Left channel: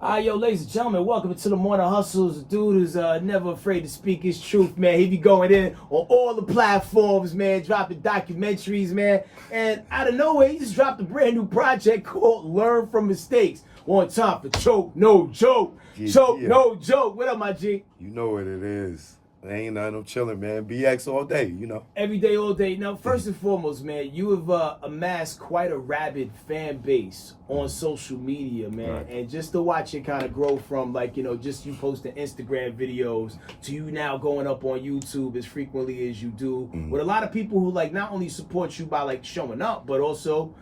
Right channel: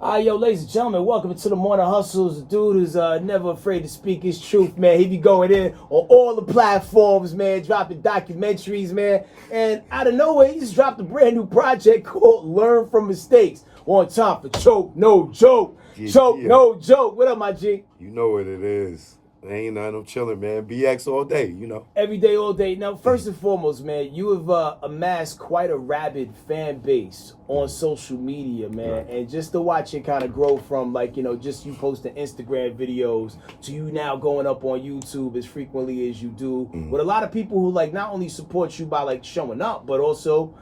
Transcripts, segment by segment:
Yo, ladies and gentlemen, welcome to the Morning Hustles. The dude who's never afraid to speak his truth, man. He be going in on all the platforms, man, dropping documentaries, man. And out of nowhere, he just dropped a brand new project called Learn from Mistakes. On time for Choke, No Joke. Choke, no joke. What up, my G? You know what it is. Ain't nothing, I'm chilling, man. BX all day, you know. Every day, all day. Now, first and foremost, man, you have amassed quite a rabid fan base on social media, man. Right. And just to watch it kind of grow from, like, you know, just you posting Instagram videos to you now going up on YouTube as frequently as you do. With a lot of people who, like, not only support you by, like, showing up, but also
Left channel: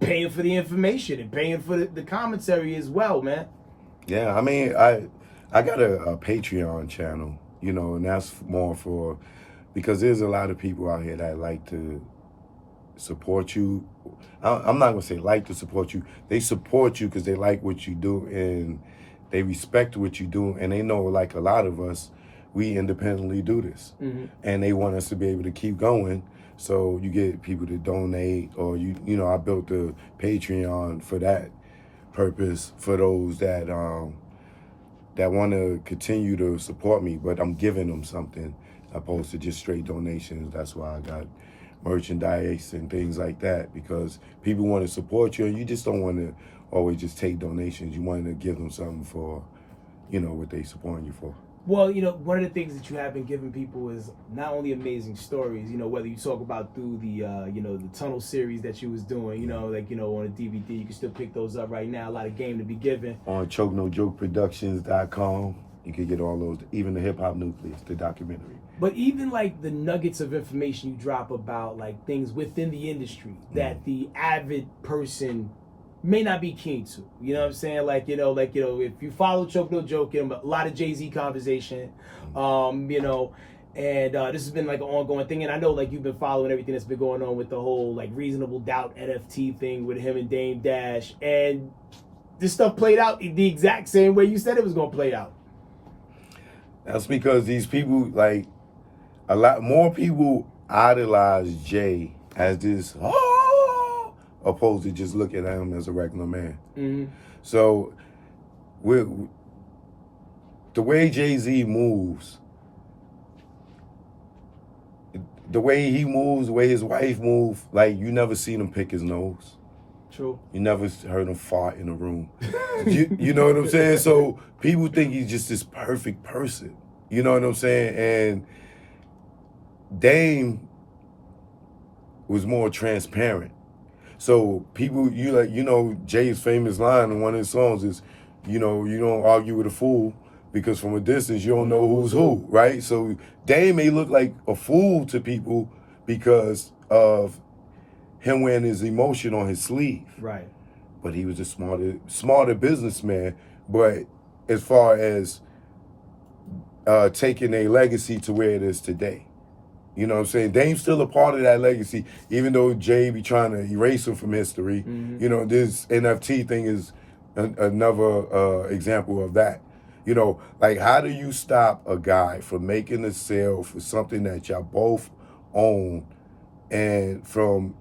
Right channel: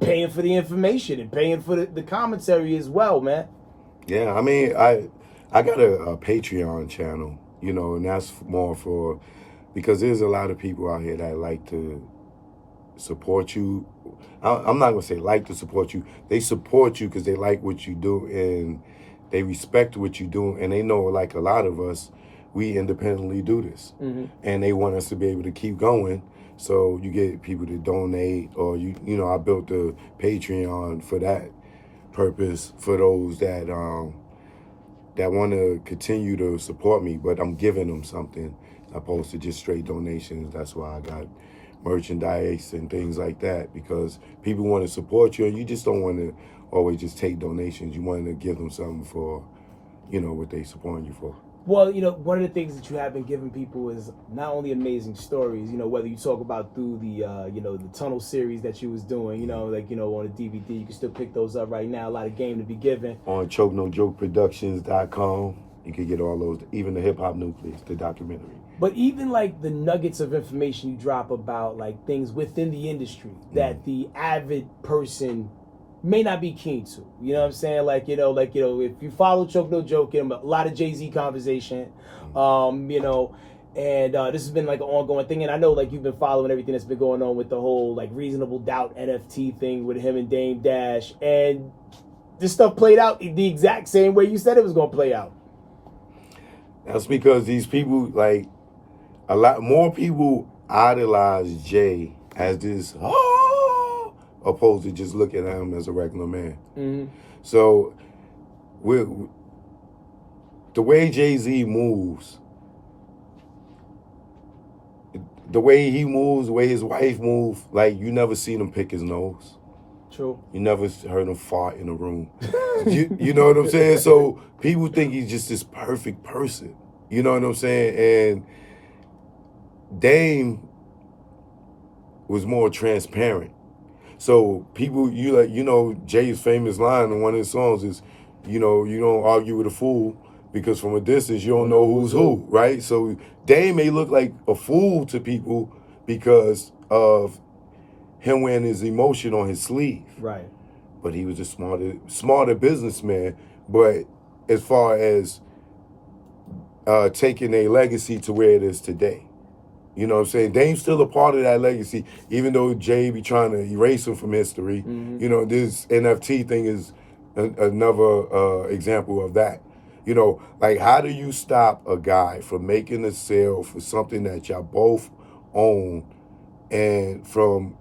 paying for the information and paying for the commentary as well, man. Yeah, I mean, I got a Patreon channel, you know, and that's more for, because there's a lot of people out here that like to support you. I'm not going to say like to support you. They support you because they like what you do and they respect what you do. And they know, like a lot of us, we independently do this. And they want us to be able to keep going. So you get people to donate, or, you know, I built the Patreon for that purpose, for those that want to continue to support me, but I'm giving them something opposed to just straight donations. That's why I got merchandise and things like that, because people want to support you and you just don't want to always just take donations. You want to give them something for, you know, what they supporting you for. Well, you know, one of the things that you have been giving people is not only amazing stories, you know, whether you talk about through the, you know, the tunnel series that you was doing, you know, like, you know, on a DVD, you can still pick those up right now. A lot of game to be given. On ChokeNoJokeProductions.com, you can get all those, even the Hip Hop Nucleus, the documentary. But even like the nuggets of information you drop about like things within the industry that the avid person may not be keen to, you know what I'm saying? Like, you know, if you follow Choke No Joke, a lot of Jay-Z conversation, you know, and this has been like an ongoing thing. And I know like you've been following everything that's been going on with the whole like Reasonable Doubt NFT thing with him and Dame Dash. And this stuff played out the exact same way you said it was going to play out. That's because these people, like, a lot more people idolize Jay as this, opposed to just looking at him as a regular man. So, the way Jay-Z moves, the way he moves, the way his wife moves, like, you never seen him pick his nose. True. You never heard him fart in a room. you know what I'm saying? So people think he's just this perfect person. You know what I'm saying? And Dame was more transparent. So people, you know, Jay's famous line in one of his songs is, you know, you don't argue with a fool because from a distance you don't know who's who, right? So Dame may look like a fool to people because of him wearing his emotion on his sleeve. Right. But he was a smarter businessman. But as far as taking a legacy to where it is today, you know what I'm saying? Dame's still a part of that legacy, even though Jay be trying to erase him from history. You know, this NFT thing is another example of that. You know, like, how do you stop a guy from making a sale for something that y'all both own and from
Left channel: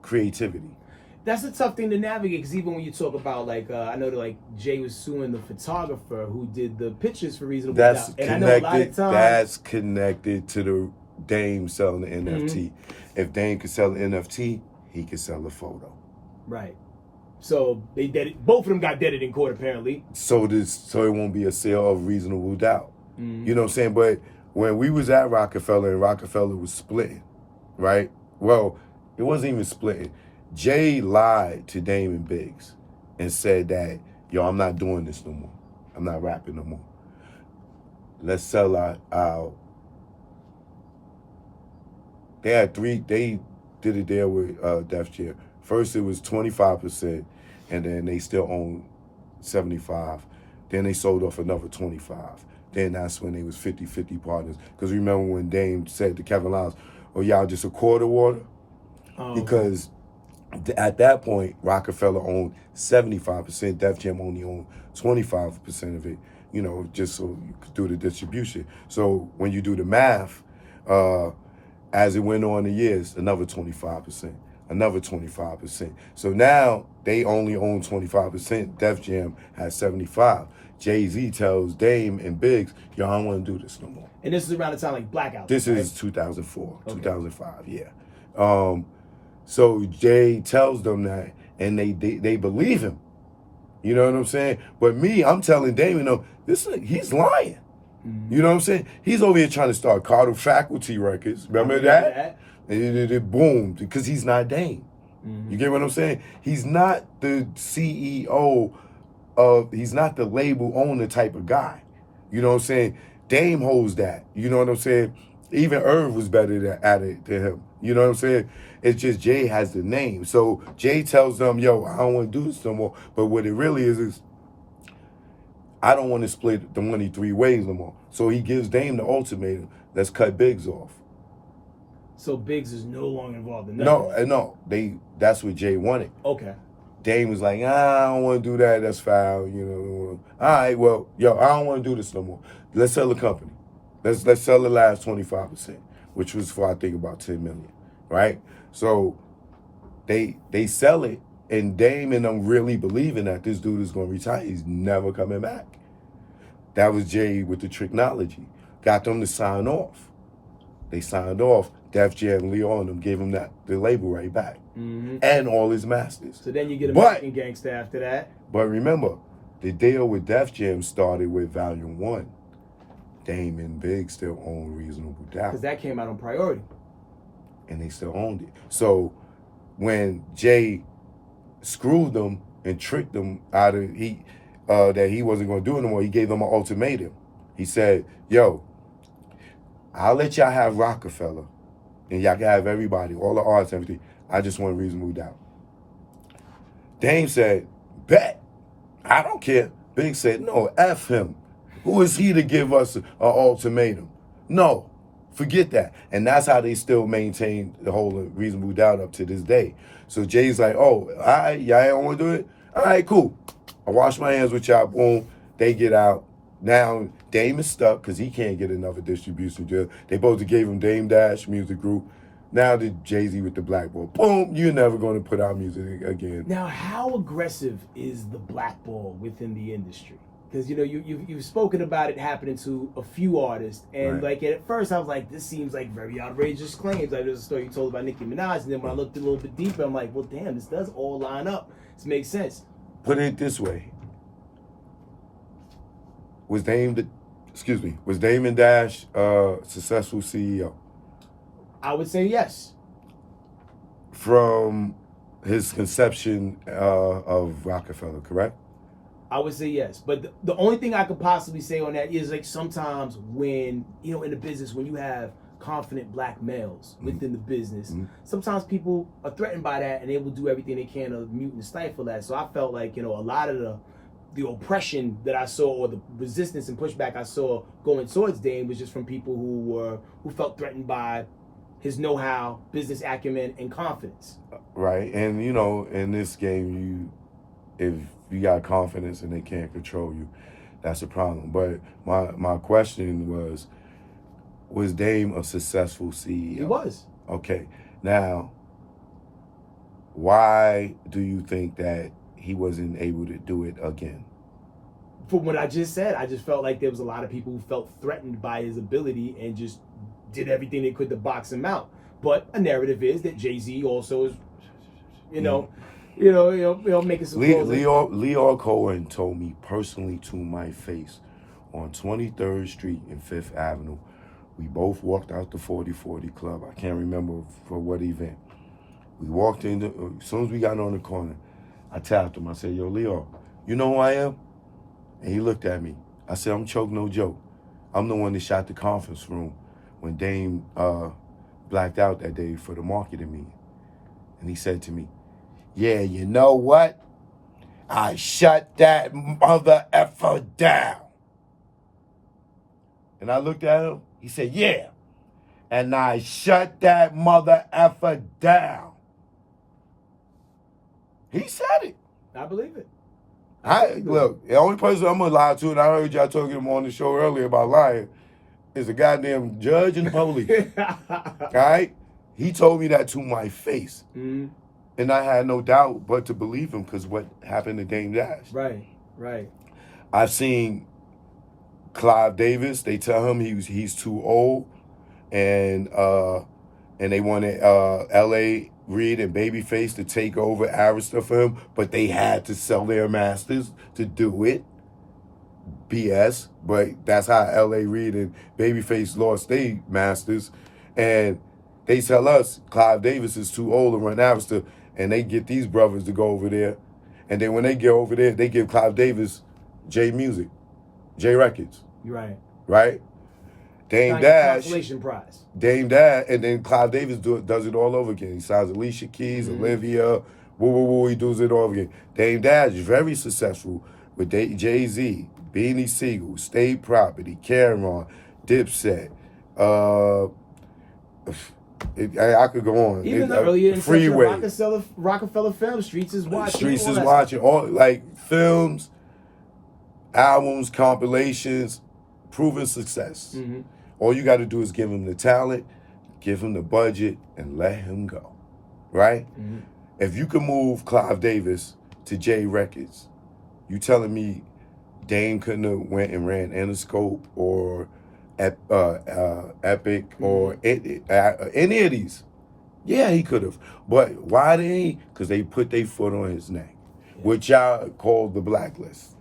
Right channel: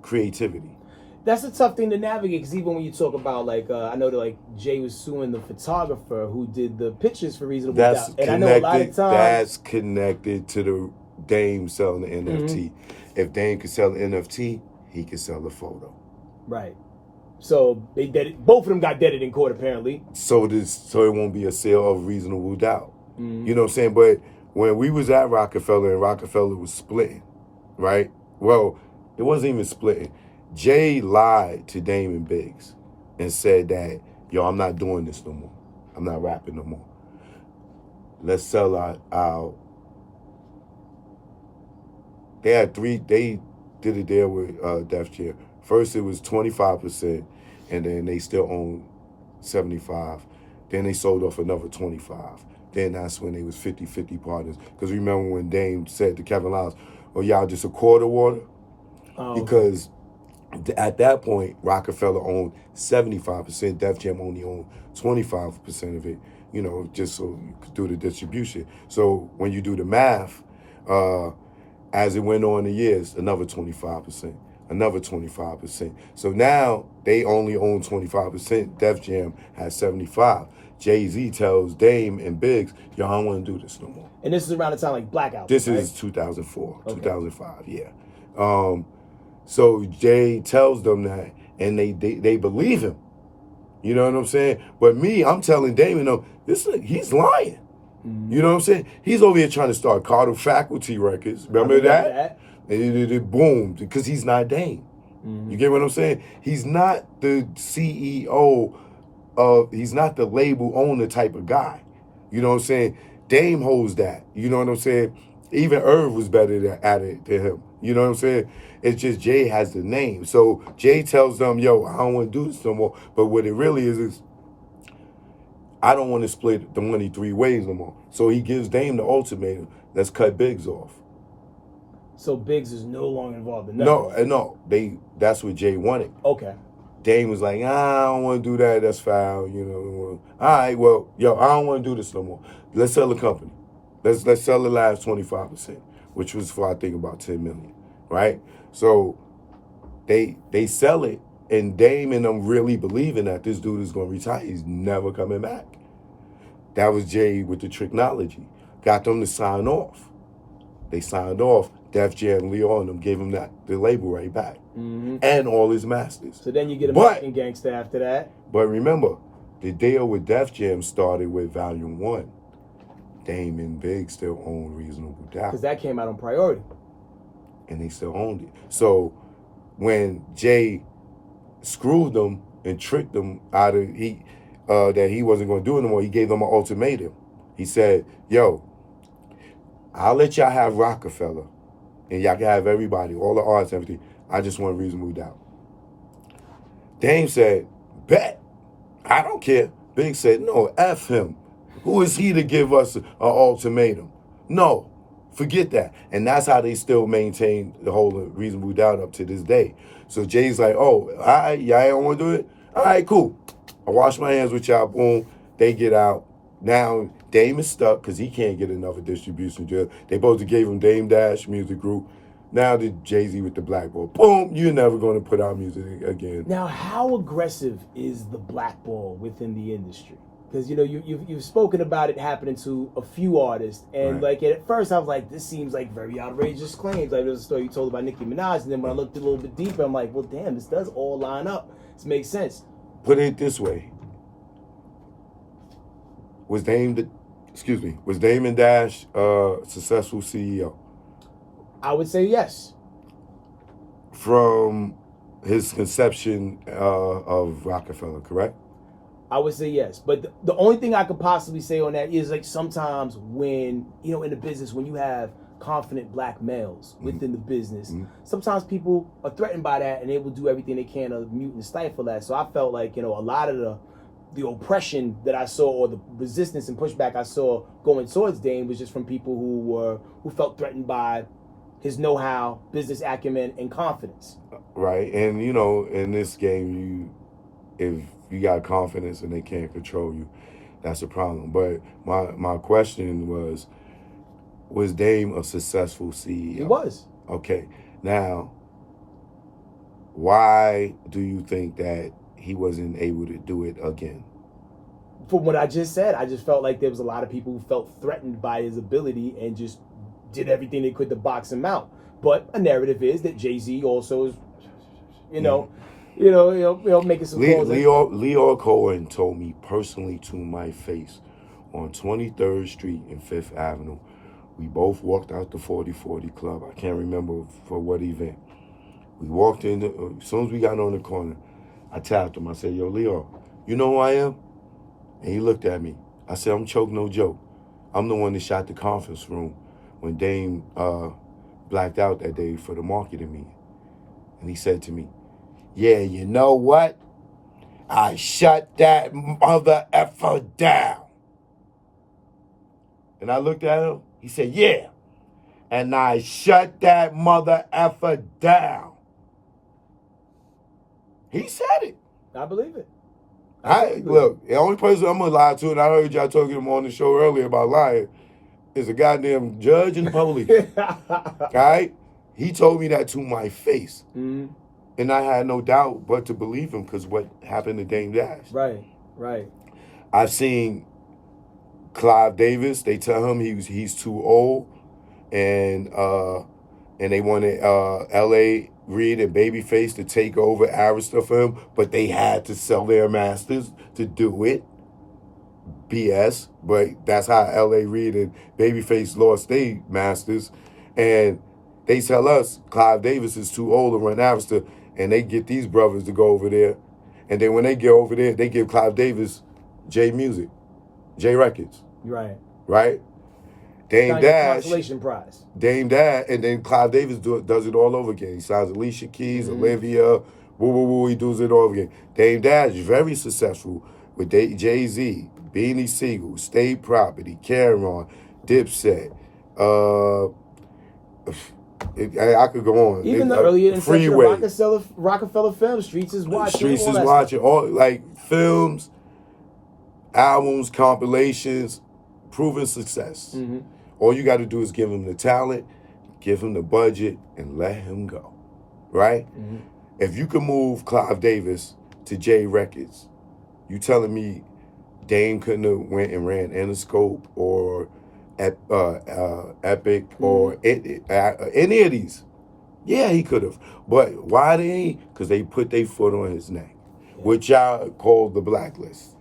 creativity? That's a tough thing to navigate, because even when you talk about, like, I know that, like, Jay was suing the photographer who did the pictures for Reasonable Doubt. And I know a lot of times, that's connected to the Dame selling the NFT. If Dame could sell the NFT, he could sell the photo. Right. So they did it. Both of them got deaded in court, apparently. So it won't be a sale of Reasonable Doubt. You know what I'm saying? But when we was at Roc-A-Fella and Roc-A-Fella was splitting, right? Well, it wasn't even splitting. Jay lied to Dame and Biggs and said that, yo, I'm not doing this no more. I'm not rapping no more. Let's sell our they did a deal with Def Jam. First it was 25%, and then they still own 75. Then they sold off another 25. Then that's when they was 50-50 partners. Because remember when Dame said to Kevin Liles, oh, y'all just a quarter water? Because at that point, Roc-A-Fella owned 75%, Def Jam only owned 25% of it, you know, just so you could do the distribution. So when you do the math, as it went on the years, another 25%, another 25%. So now they only own 25%, Def Jam has 75. Jay-Z tells Dame and Biggs, yo, I don't want to do this no more. And this is around the time like Blackout. This right? is 2004, Okay. 2005, yeah. So Jay tells them that, and they believe him. You know what I'm saying? But me, I'm telling Dame, he's lying. Mm-hmm. You know what I'm saying? He's over here trying to start Carter Faculty Records. Remember that? And it boomed because he's not Dame. Mm-hmm. You get what I'm saying? He's not the CEO he's not the label owner type of guy. You know what I'm saying? Dame holds that. You know what I'm saying? Even Irv was better at it than him. You know what I'm saying? It's just Jay has the name. So Jay tells them, yo, I don't want to do this no more. But what it really is I don't want to split the money 3 ways no more. So he gives Dame the ultimatum. Let's cut Biggs off. So Biggs is no longer involved in that. No. That's what Jay wanted. Okay. Dame was like, I don't want to do that. That's foul. You know. All right, well, yo, I don't want to do this no more. Let's sell the company. Let's sell the last 25%, which was for I think about $10 million, right? So they sell it, and Dame and them really believing that this dude is going to retire. He's never coming back. That was Jay with the technology. Got them to sign off. They signed off. Def Jam, Leo, and them gave him the label right back. Mm-hmm. And all his masters. So then you get American Gangsta after that. But remember, the deal with Def Jam started with Volume 1. Dame and Big still own Reasonable Doubt. Because that came out on Priority. And they still owned it. So when Jay screwed them and tricked them out of that he wasn't going to do it no more, he gave them an ultimatum. He said, yo, I'll let y'all have Roc-A-Fella. And y'all can have everybody, all the arts, everything. I just want Reasonable Doubt. Dame said, bet. I don't care. Big said, no, F him. Who is he to give us an ultimatum? No, forget that. And that's how they still maintain the whole Reasonable Doubt up to this day. So Jay's like, oh, all right, y'all don't want to do it? All right, cool. I wash my hands with y'all. Boom. They get out. Now, Dame is stuck because he can't get another distribution deal. They both gave him Dame Dash Music Group. Now the Jay-Z with the Blackball. Boom, you're never going to put out music again. Now, how aggressive is the blackball within the industry? Because, you've spoken about it happening to a few artists. And, at first I was like, this seems like very outrageous claims. Like, there was a story you told about Nicki Minaj. And then when I looked a little bit deeper, I'm like, well, damn, this does all line up. This makes sense. Put it this way. Was Dame and Dash successful CEO? I would say yes. From his conception of Roc-A-Fella, correct? I would say yes. But the only thing I could possibly say on that is sometimes when, in the business, when you have confident black males within the business, sometimes people are threatened by that and they will do everything they can to mute and stifle that. So I felt like, a lot of the oppression that I saw, or the resistance and pushback I saw going towards Dame, was just from people who felt threatened by his know-how, business acumen, and confidence. Right, and in this game, if you got confidence and they can't control you, that's a problem. But my question was Dame a successful CEO? He was. Okay, now, why do you think that he wasn't able to do it again? From what I just said, I just felt like there was a lot of people who felt threatened by his ability and just did everything they could to box him out. But a narrative is that Jay-Z also is, making some calls. Leo Cohen told me personally to my face on 23rd Street and 5th Avenue. We both walked out the 4040 Club. I can't remember for what event. We walked in. As soon as we got on the corner, I tapped him. I said, yo, Leo, you know who I am? And he looked at me. I said, I'm Choke No Joke. I'm the one that shot the conference room when Dame blacked out that day for the marketing meeting. And he said to me, yeah, you know what? I shut that mother effer down. And I looked at him. He said, yeah. And I shut that mother effer down. He said it. I believe it. Look, the only person I'm going to lie to, and I heard y'all talking to him on the show earlier about lying, is a goddamn judge and the police. All right? He told me that to my face. Mm-hmm. And I had no doubt but to believe him because what happened to Dame Dash. Right. I've seen Clive Davis. They tell him he's too old, and they wanted L.A. Reid and Babyface to take over Arista for him, but they had to sell their masters to do it. BS, but that's how L.A. Reid and Babyface lost their masters, and they tell us Clive Davis is too old to run Arista, and they get these brothers to go over there, and then when they get over there, they give Clive Davis J Music, J Records. Right? Dame Dash. Consolation prize. Dame Dash, and then Clive Davis does it all over again. He signs Alicia Keys, Olivia, he does it all over again. Dame Dash is very successful with Jay-Z, Beanie Siegel, State Property, Cameron, Dipset. I could go on. Even earlier in Freeway. Roc-A-Fella Film, Streets is Watching. Streets is Watching. All like films, albums, compilations, proven success. All you got to do is give him the talent, give him the budget, and let him go. Right? If you can move Clive Davis to J Records, you telling me Dame couldn't have went and ran Interscope or Epic or any of these? Yeah, he could have. But why they ain't? Because they put their foot on his neck, which y'all call the blacklist.